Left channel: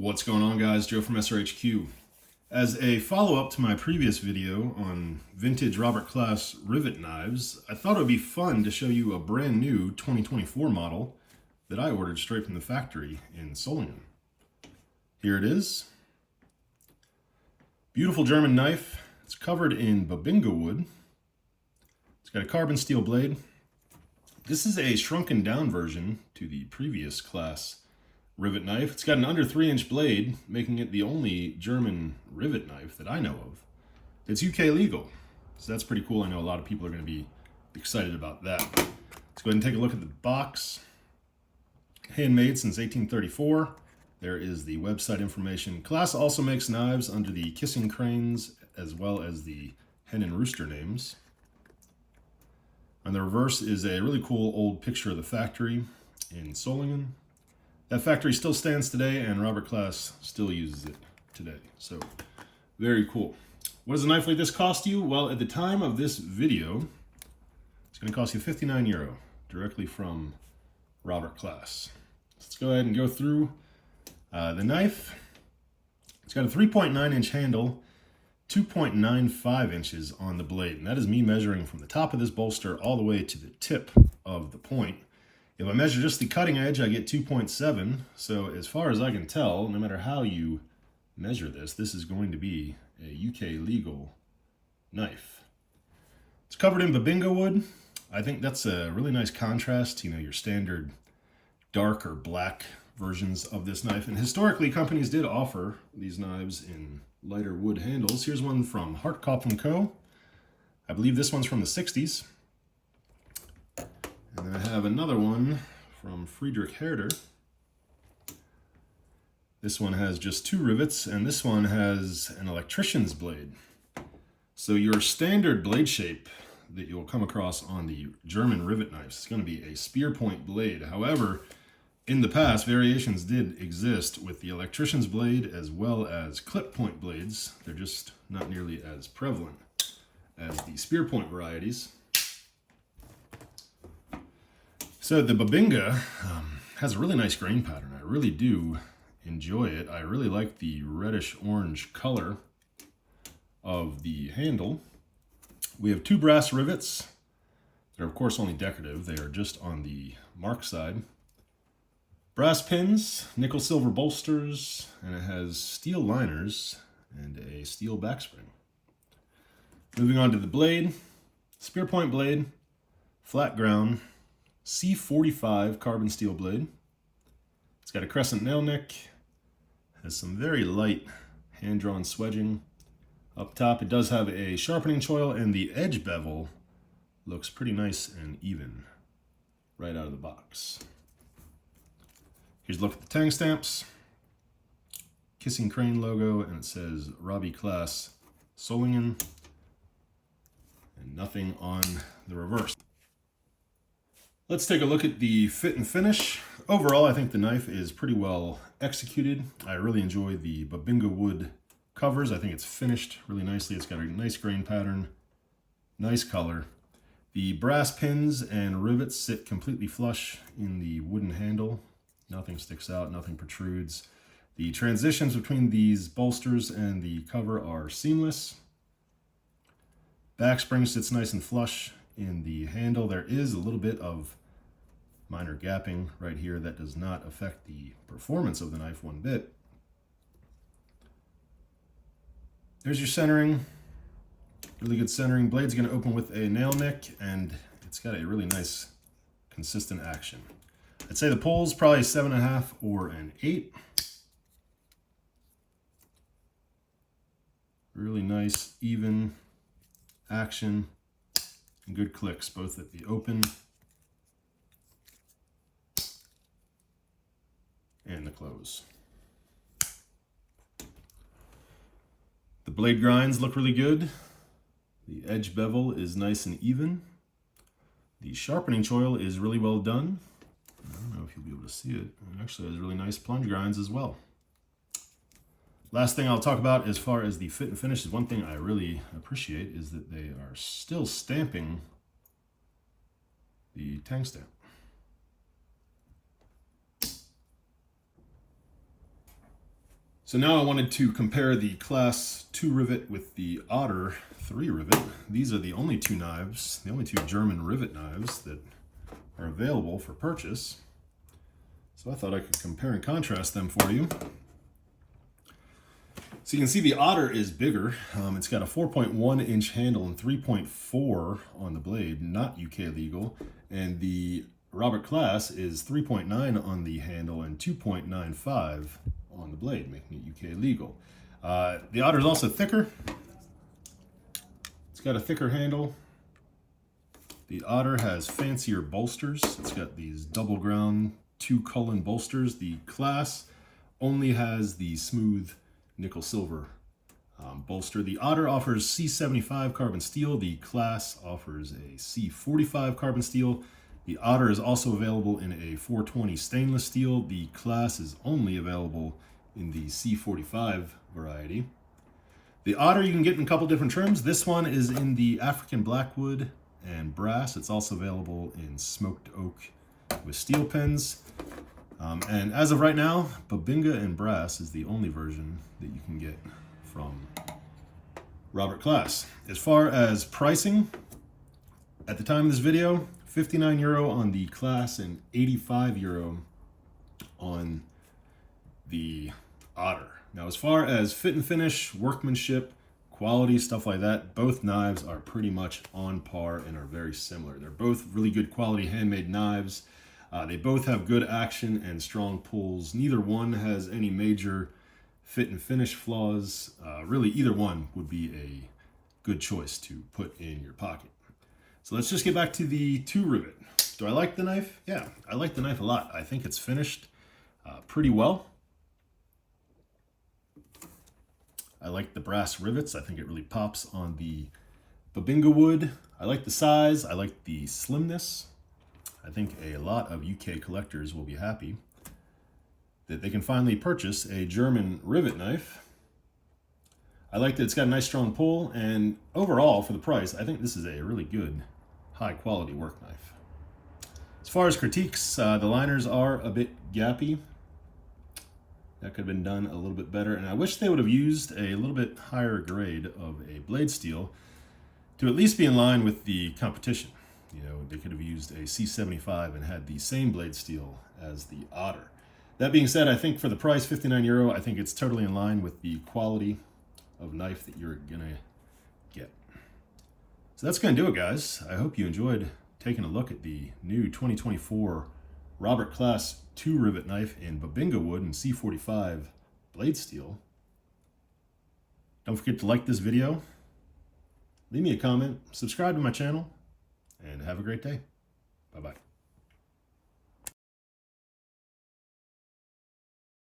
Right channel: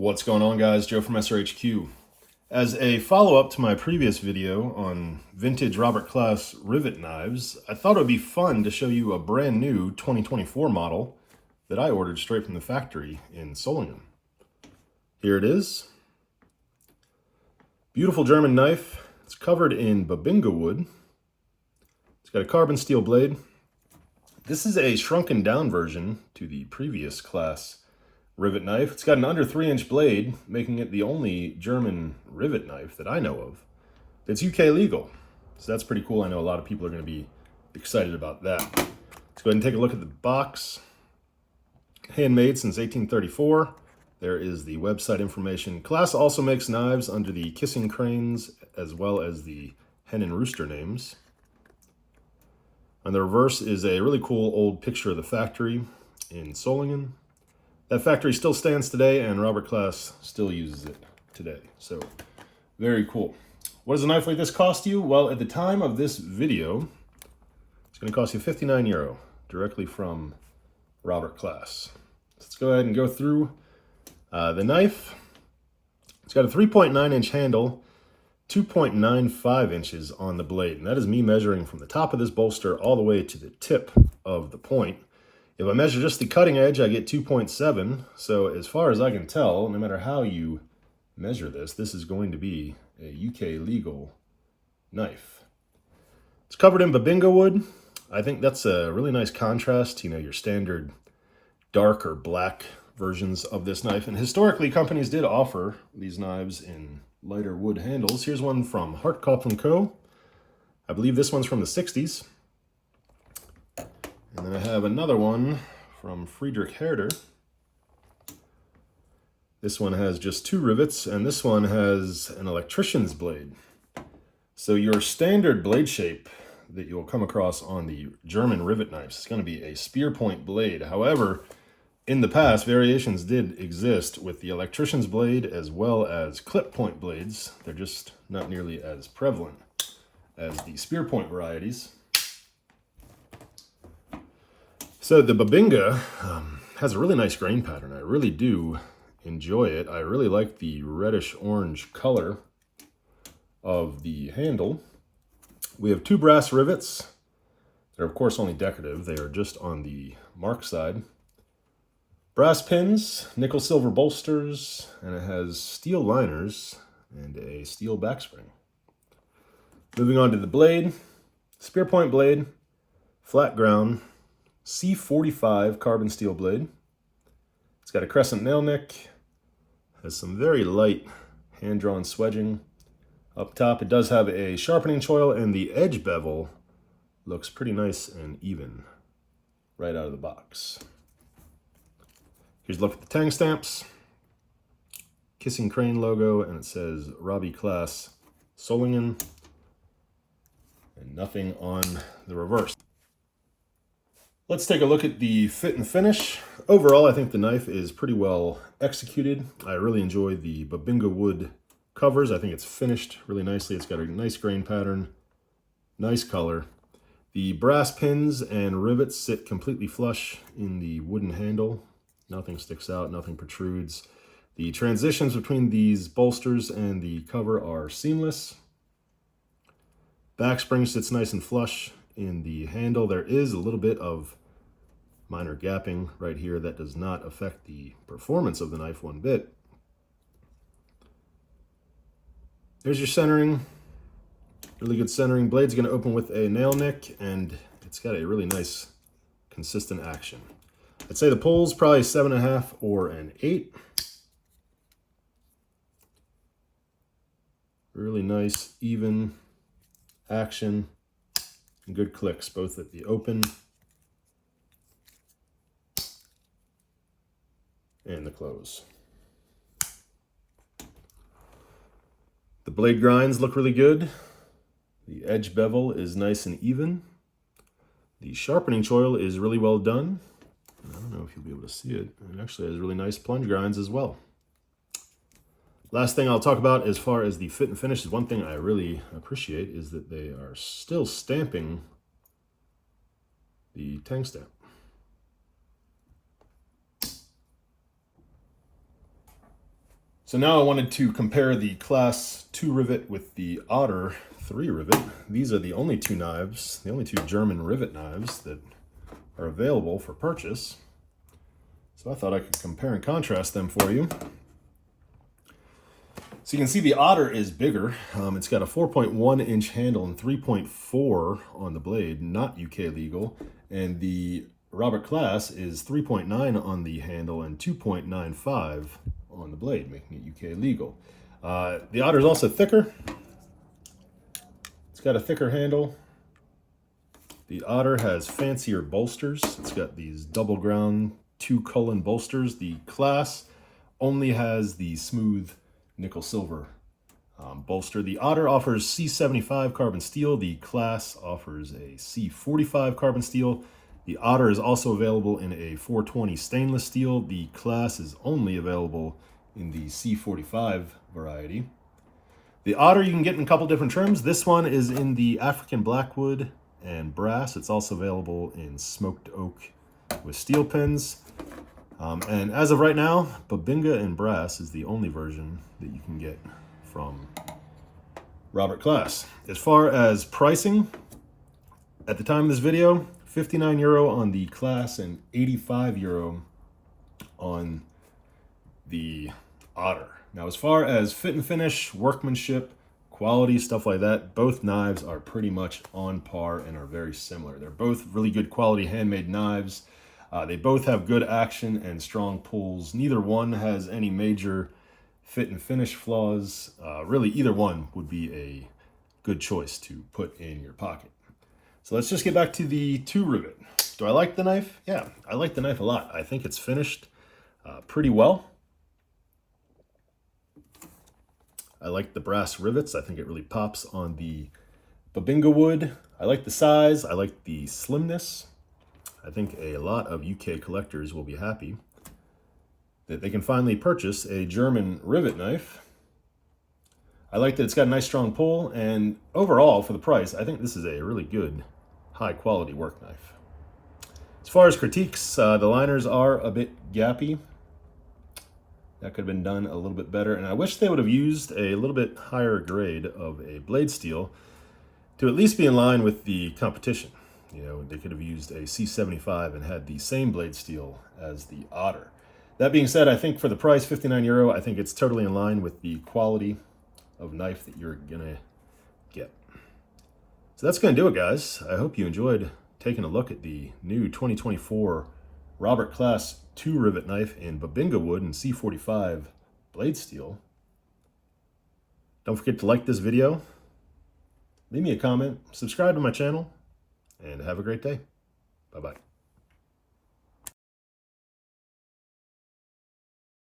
What's going on, guys? Joe from SRHQ. As a follow-up to my previous video on vintage Robert Klaas rivet knives, I thought it would be fun to show you a brand new 2024 model that I ordered straight from the factory in Solingen. Here it is. Beautiful German knife. It's covered in bubinga wood. It's got a carbon steel blade. This is a shrunken down version to the previous Klass rivet knife. It's got an under 3-inch blade, making it the only German rivet knife that I know of. It's UK legal, so that's pretty cool. I know a lot of people are going to be excited about that. Let's go ahead and take a look at the box. Handmade since 1834. There is the website information. Klass also makes knives under the Kissing Cranes as well as the Hen and Rooster names. On the reverse is a really cool old picture of the factory in Solingen. That factory still stands today, and Robert Klaas still uses it today. So, very cool. What does a knife like this cost you? Well, at the time of this video, it's going to cost you €59, directly from Robert Klaas. Let's go ahead and go through the knife. It's got a 3.9-inch handle, 2.95 inches on the blade, and that is me measuring from the top of this bolster all the way to the tip of the point. If I measure just the cutting edge, I get 2.7. So as far as I can tell, no matter how you measure this, this is going to be a UK legal knife. It's covered in bubinga wood. I think that's a really nice contrast to, your standard dark or black versions of this knife. And historically, companies did offer these knives in lighter wood handles. Here's one from Hartkopf & Co. I believe this one's from the 60s. And then I have another one from Friedrich Herder. This one has just 2 rivets, and this one has an electrician's blade. So your standard blade shape that you'll come across on the German rivet knives is going to be a spear point blade. However, in the past, variations did exist with the electrician's blade as well as clip point blades. They're just not nearly as prevalent as the spear point varieties. So the bubinga has a really nice grain pattern. I really do enjoy it. I really like the reddish orange color of the handle. We have 2 brass rivets. They're of course only decorative. They are just on the mark side. Brass pins, nickel silver bolsters, and it has steel liners and a steel backspring. Moving on to the blade, spear point blade, flat ground, C45 carbon steel blade. It's got a crescent nail nick, has some very light hand-drawn swedging. Up top it does have a sharpening choil, and the edge bevel looks pretty nice and even right out of the box. Here's a look at the tang stamps. Kissing Crane logo, and it says Robert Klaas Solingen, and nothing on the reverse. Let's take a look at the fit and finish. Overall, I think the knife is pretty well executed. I really enjoy the bubinga wood covers. I think it's finished really nicely. It's got a nice grain pattern, nice color. The brass pins and rivets sit completely flush in the wooden handle. Nothing sticks out, nothing protrudes. The transitions between these bolsters and the cover are seamless. Back spring sits nice and flush in the handle. There is a little bit of minor gapping right here that does not affect the performance of the knife one bit. There's your centering. Really good centering. Blade's going to open with a nail nick, and it's got a really nice consistent action. I'd say the pull's probably 7.5 or an 8. Really nice, even action, and good clicks, both at the open and the close. The blade grinds look really good. The edge bevel is nice and even. The sharpening choil is really well done. I don't know if you'll be able to see it. It actually has really nice plunge grinds as well. Last thing I'll talk about as far as the fit and finish is one thing I really appreciate is that they are still stamping the tang stamp. So now I wanted to compare the Klass 2 rivet with the Otter 3 rivet. These are the only two knives, the only two German rivet knives that are available for purchase. So I thought I could compare and contrast them for you. So you can see the Otter is bigger. It's got a 4.1 inch handle and 3.4 on the blade, not UK legal. And the Robert Klaas is 3.9 on the handle and 2.95 on the blade, making it UK legal. The Otter is also thicker. It's got a thicker handle. The Otter has fancier bolsters. It's got these double ground 2-cullen bolsters. The Klass only has the smooth nickel silver bolster. The Otter offers C75 carbon steel. The Klass offers a C45 carbon steel. The Otter is also available in a 420 stainless steel. The Klass is only available in the C45 variety. The Otter you can get in a couple different trims. This one is in the African blackwood and brass. It's also available in smoked oak with steel pins. And as of right now, bubinga and brass is the only version that you can get from Robert Klaas. As far as pricing, at the time of this video, 59 euro on the Klass and 85 euro on the Otter. Now, as far as fit and finish, workmanship, quality, stuff like that, both knives are pretty much on par and are very similar. They're both really good quality handmade knives. They both have good action and strong pulls. Neither one has any major fit and finish flaws. Really, either one would be a good choice to put in your pocket. So let's just get back to the 2 rivet. Do I like the knife? Yeah, I like the knife a lot. I think it's finished pretty well. I like the brass rivets. I think it really pops on the bubinga wood. I like the size. I like the slimness. I think a lot of UK collectors will be happy that they can finally purchase a German rivet knife. I like that it's got a nice strong pull, and overall for the price, I think this is a really good high quality work knife. As far as critiques, the liners are a bit gappy. That could have been done a little bit better, and I wish they would have used a little bit higher grade of a blade steel to at least be in line with the competition. You know, they could have used a C75 and had the same blade steel as the Otter. That being said, I think for the price, 59 euro, I think it's totally in line with the quality of knife that you're gonna get. So that's gonna do it, guys. I hope you enjoyed taking a look at the new 2024 Robert Klaas 2 rivet knife in bubinga wood and C45 blade steel. Don't forget to like this video, leave me a comment, subscribe to my channel, and have a great day. Bye-bye.